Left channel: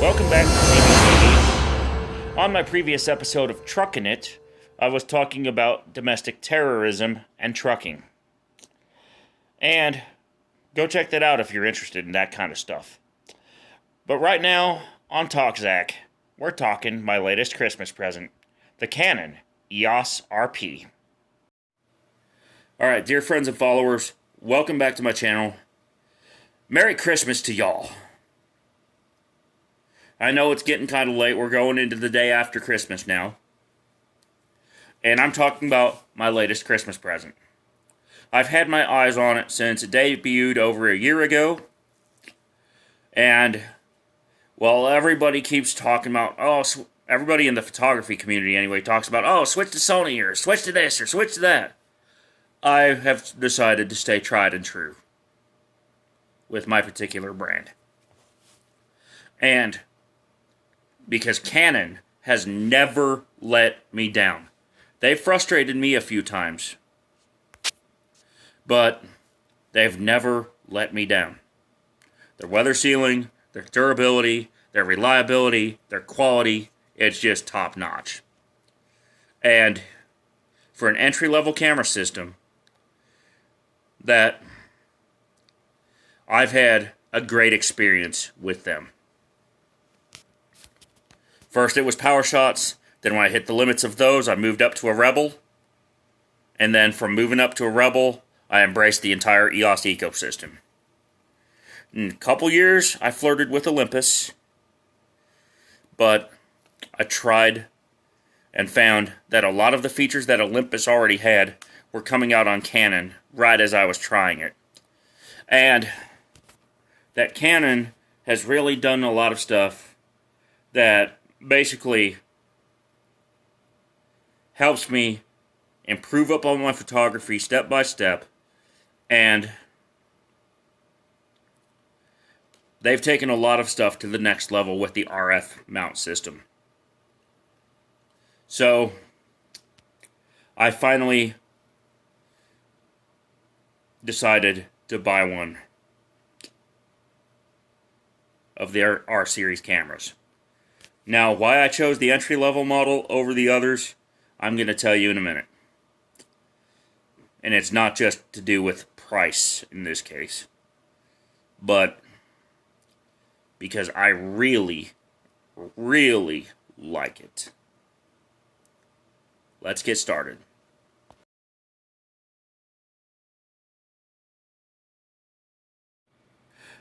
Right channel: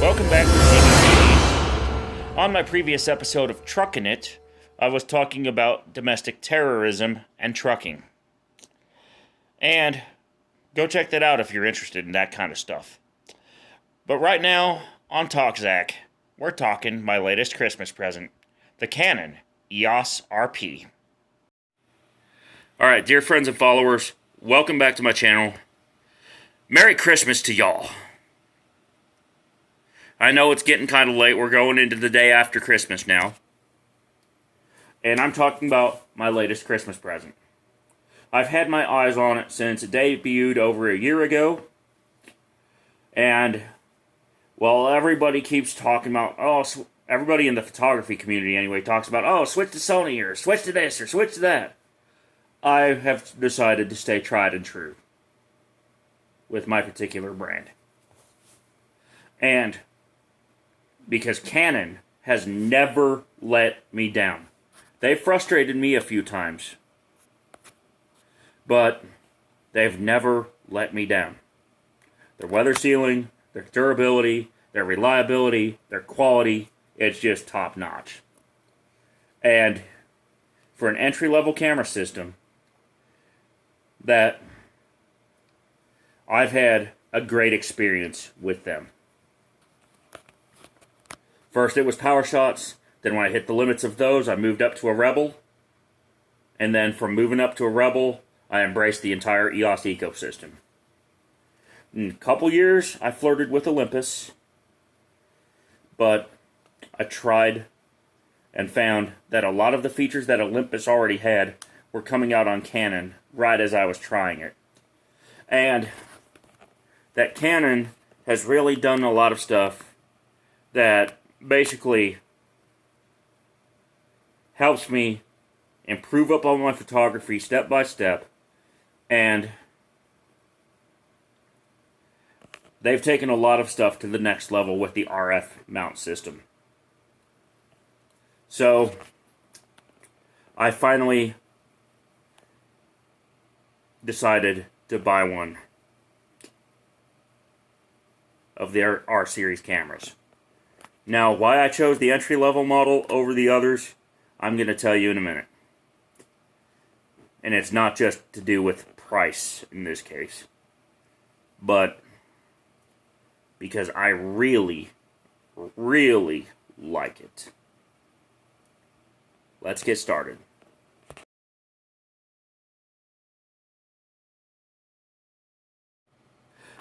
Welcome back to TVTV. On my previous episode of Truckin' It, I was talking about domestic terrorism and trucking. And go check that out if you're interested in that kind of stuff. But right now, on TalkZach, we're talking my latest Christmas present, the Canon EOS RP. Alright, dear friends and followers, welcome back to my channel. Merry Christmas to y'all. I know it's getting kind of late. We're going into the day after Christmas now. And I'm talking about my latest Christmas present. I've had my eyes on it since it debuted over a year ago. And, well, everybody keeps talking about, everybody in the photography community anyway talks about, switch to Sony or switch to this or switch to that. I have decided to stay tried and true with my particular brand. And because Canon has never let me down. They've frustrated me a few times, but they've never let me down. Their weather sealing, their durability, their reliability, their quality, it's just top notch. And for an entry-level camera system, that I've had a great experience with them. First it was power shots, then when I hit the limits of those, I moved up to a Rebel, and then from moving up to a Rebel, I embraced the entire EOS ecosystem. In a couple years, I flirted with Olympus, but I tried and found that a lot of the features that Olympus already had were coming out on Canon right as I was trying it. And that Canon has really done a lot of stuff that basically helps me improve up on my photography step by step, and they've taken a lot of stuff to the next level with the RF mount system. So I finally decided to buy one of their R series cameras. Now, why I chose the entry-level model over the others, I'm going to tell you in a minute. And it's not just to do with price in this case, but because I really, really like it. Let's get started.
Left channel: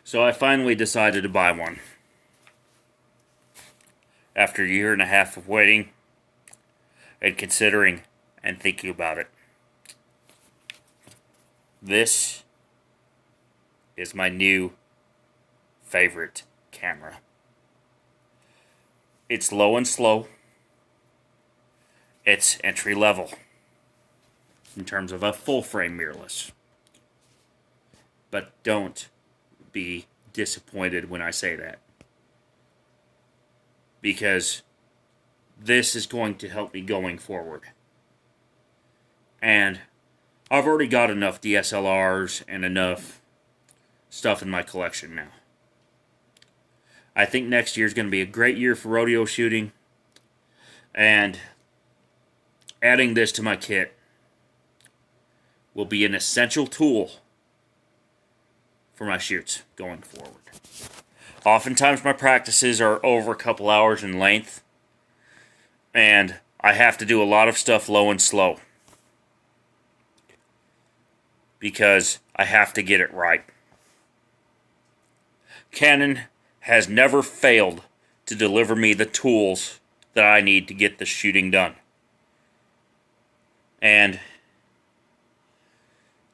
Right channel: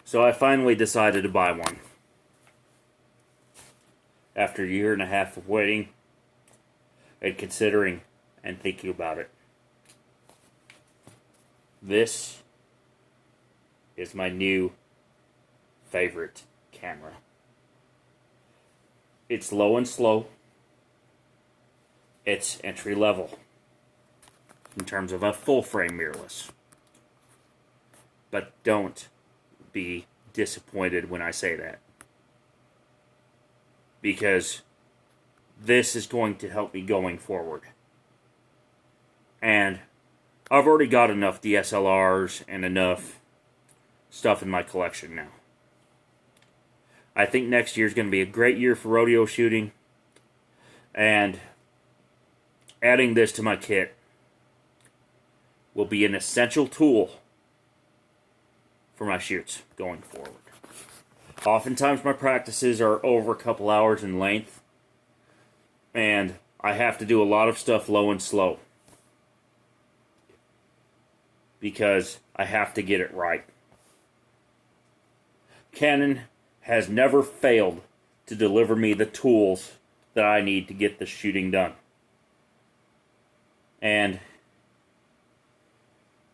So I finally decided to buy one. After a year and a half of waiting and considering and thinking about it. This is my new favorite camera. It's low and slow. It's entry level in terms of a full frame mirrorless. But don't be disappointed when I say that, because this is going to help me going forward. And I've already got enough DSLRs and enough stuff in my collection now. I think next year is going to be a great year for rodeo shooting, and adding this to my kit will be an essential tool for my shoots going forward. Oftentimes my practices are over a couple hours in length, and I have to do a lot of stuff low and slow because I have to get it right. Canon has never failed to deliver me the tools that I need to get the shooting done. And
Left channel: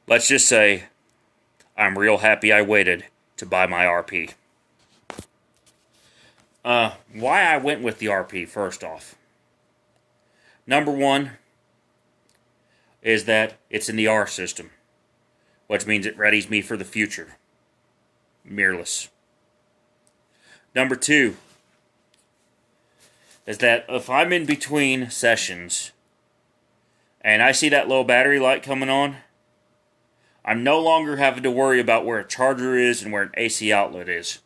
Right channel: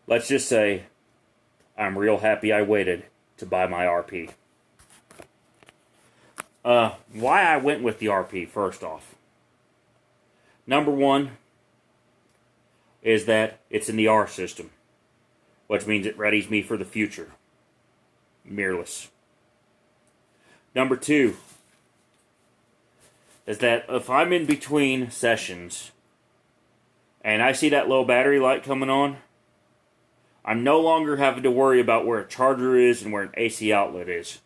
let's just say I'm real happy I waited to buy my RP. Why I went with the RP, first off. Number one is that it's in the R system, which means it readies me for the future. Mirrorless. Number two is that if I'm in between sessions and I see that low battery light coming on, I'm no longer having to worry about where a charger is and where an AC outlet is.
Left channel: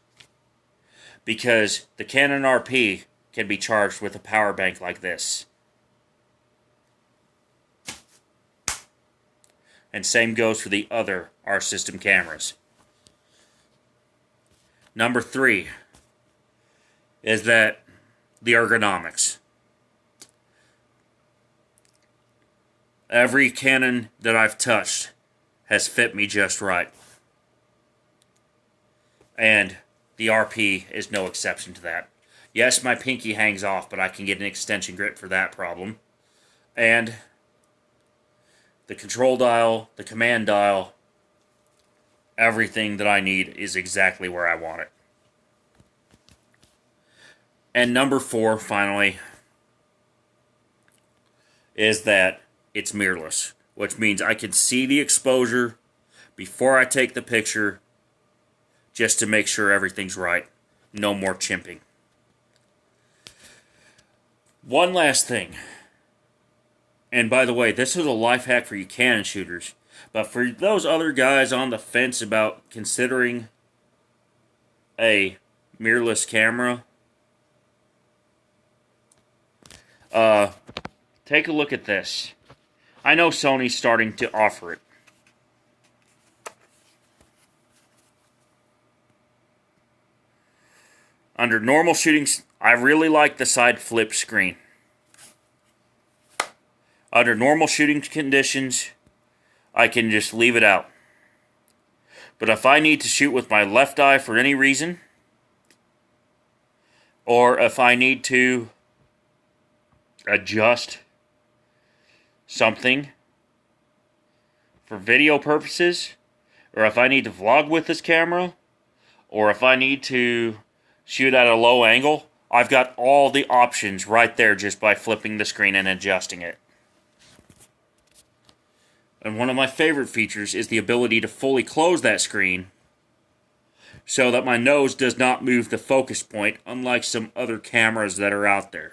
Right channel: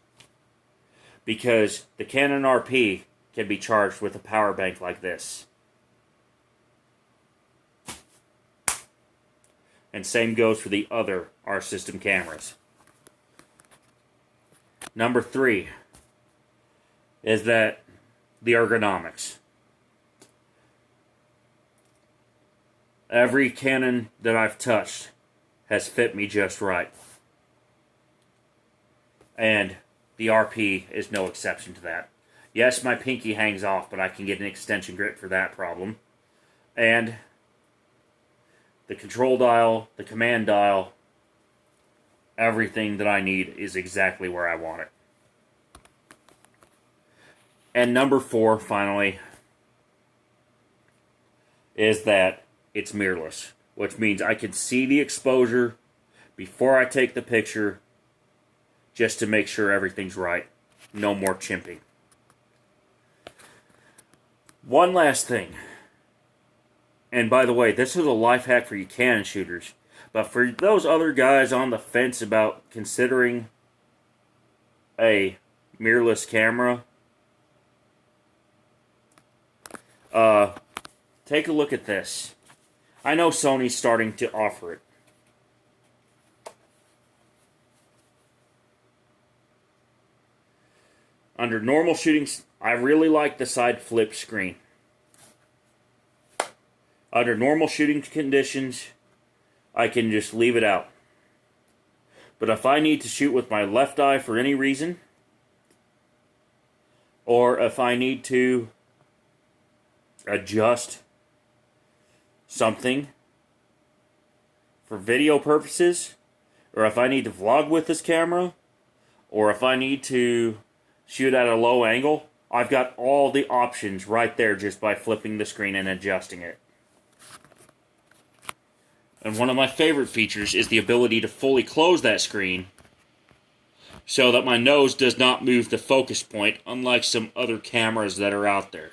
because the Canon RP can be charged with a power bank like this. And same goes for the other R system cameras. Number 3 is that the ergonomics. Every Canon that I've touched has fit me just right. And the RP is no exception to that. Yes, my pinky hangs off, but I can get an extension grip for that problem. And the control dial, the command dial, everything that I need is exactly where I want it. And number 4, finally, is that it's mirrorless, which means I can see the exposure before I take the picture just to make sure everything's right. No more chimping. One last thing. And by the way, this is a life hack for you Canon shooters. But for those other guys on the fence about considering a mirrorless camera, take a look at this. I know Sony's starting to offer it. Under normal shootings, I really like the side flip screen. Under normal shooting conditions, I can just leave it out. But if I need to shoot with my left eye for any reason, or if I need to adjust something for video purposes, or if I need to vlog with this camera, or if I need to shoot at a low angle, I've got all the options right there just by flipping the screen and adjusting it. And one of my favorite features is the ability to fully close that screen so that my nose does not move the focus point, unlike some other cameras that are out there.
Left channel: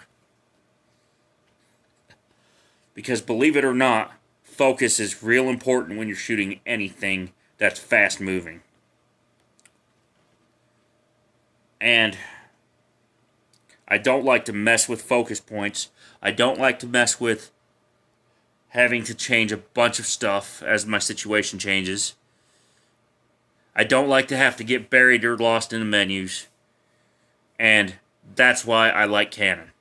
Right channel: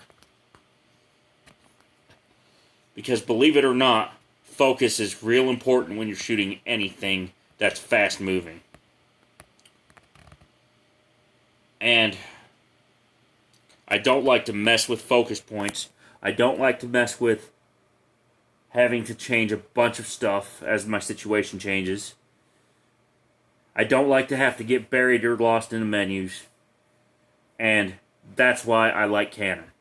Because believe it or not, focus is real important when you're shooting anything that's fast moving. And I don't like to mess with focus points. I don't like to mess with having to change a bunch of stuff as my situation changes. I don't like to have to get buried or lost in the menus. And that's why I like Canon.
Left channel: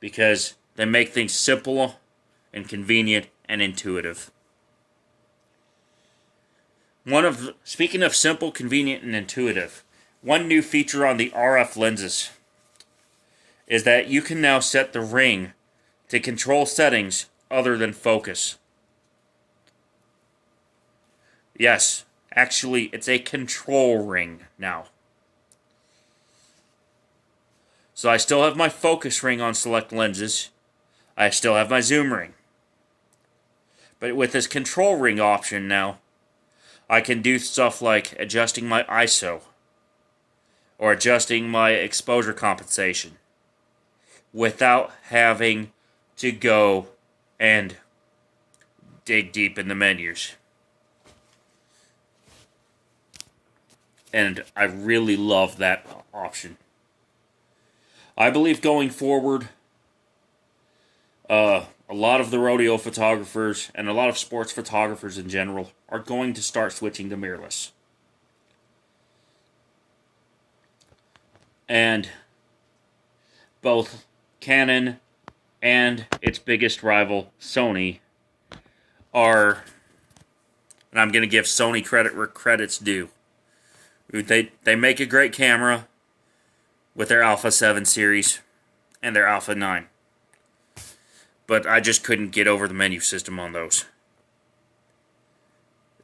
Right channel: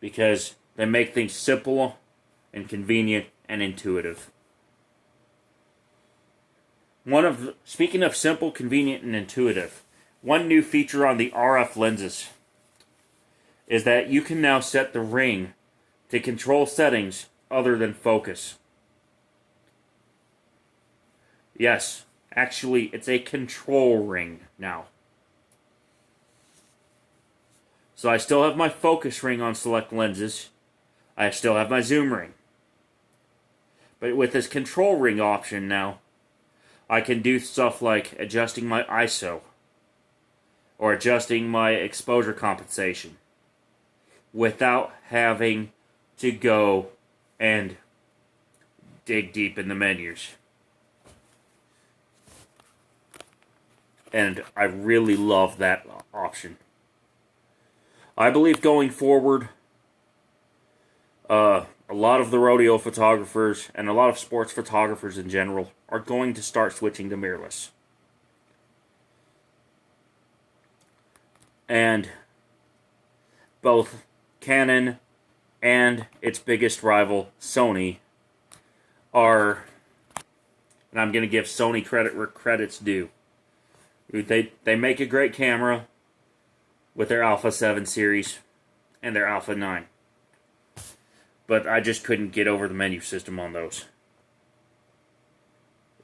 Because they make things simple and convenient and intuitive. Speaking of simple, convenient, and intuitive, one new feature on the RF lenses is that you can now set the ring to control settings other than focus. Yes, actually, it's a control ring now. So I still have my focus ring on select lenses. I still have my zoom ring. But with this control ring option now, I can do stuff like adjusting my ISO or adjusting my exposure compensation without having to go and dig deep in the menus. And I really love that option. I believe going forward, a lot of the rodeo photographers and a lot of sports photographers in general are going to start switching to mirrorless. And both Canon and its biggest rival, Sony, are, and I'm going to give Sony credit where credit's due. They make a great camera with their Alpha 7 series and their Alpha 9. But I just couldn't get over the menu system on those.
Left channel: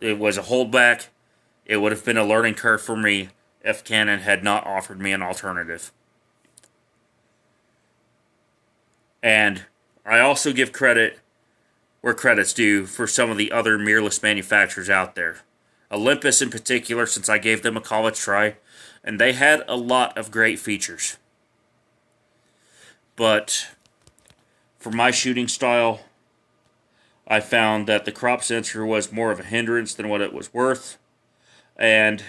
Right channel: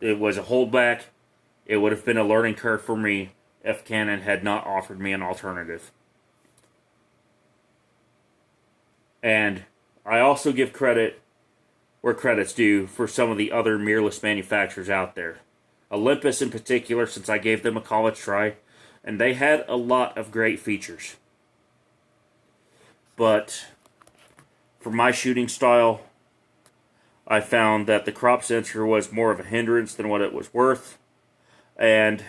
It was a holdback. It would have been a learning curve for me if Canon had not offered me an alternative. And I also give credit where credit's due for some of the other mirrorless manufacturers out there. Olympus in particular, since I gave them a college try, and they had a lot of great features. But for my shooting style, I found that the crop sensor was more of a hindrance than what it was worth. And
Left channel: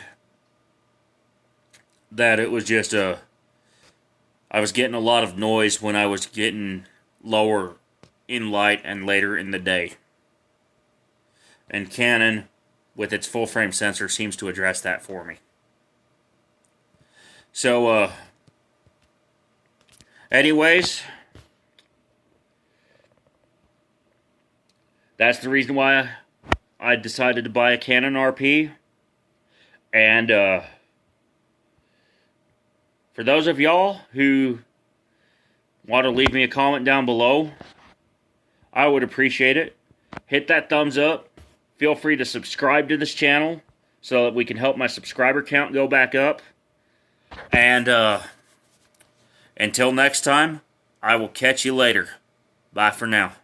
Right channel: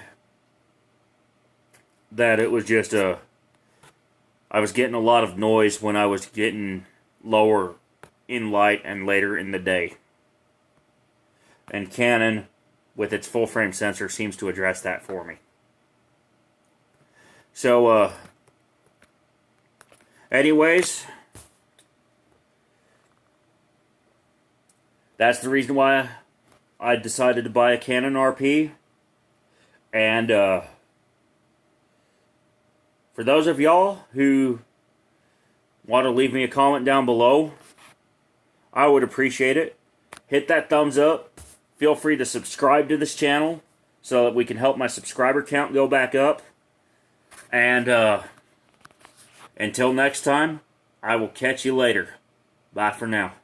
that it was just I was getting a lot of noise when I was getting lower in light and later in the day. And Canon, with its full frame sensor, seems to address that for me. So, anyways, that's the reason why I decided to buy a Canon RP. And, for those of y'all who want to leave me a comment down below, I would appreciate it. Hit that thumbs up. Feel free to subscribe to this channel so that we can help my subscriber count go back up. And until next time, I will catch you later. Bye for now.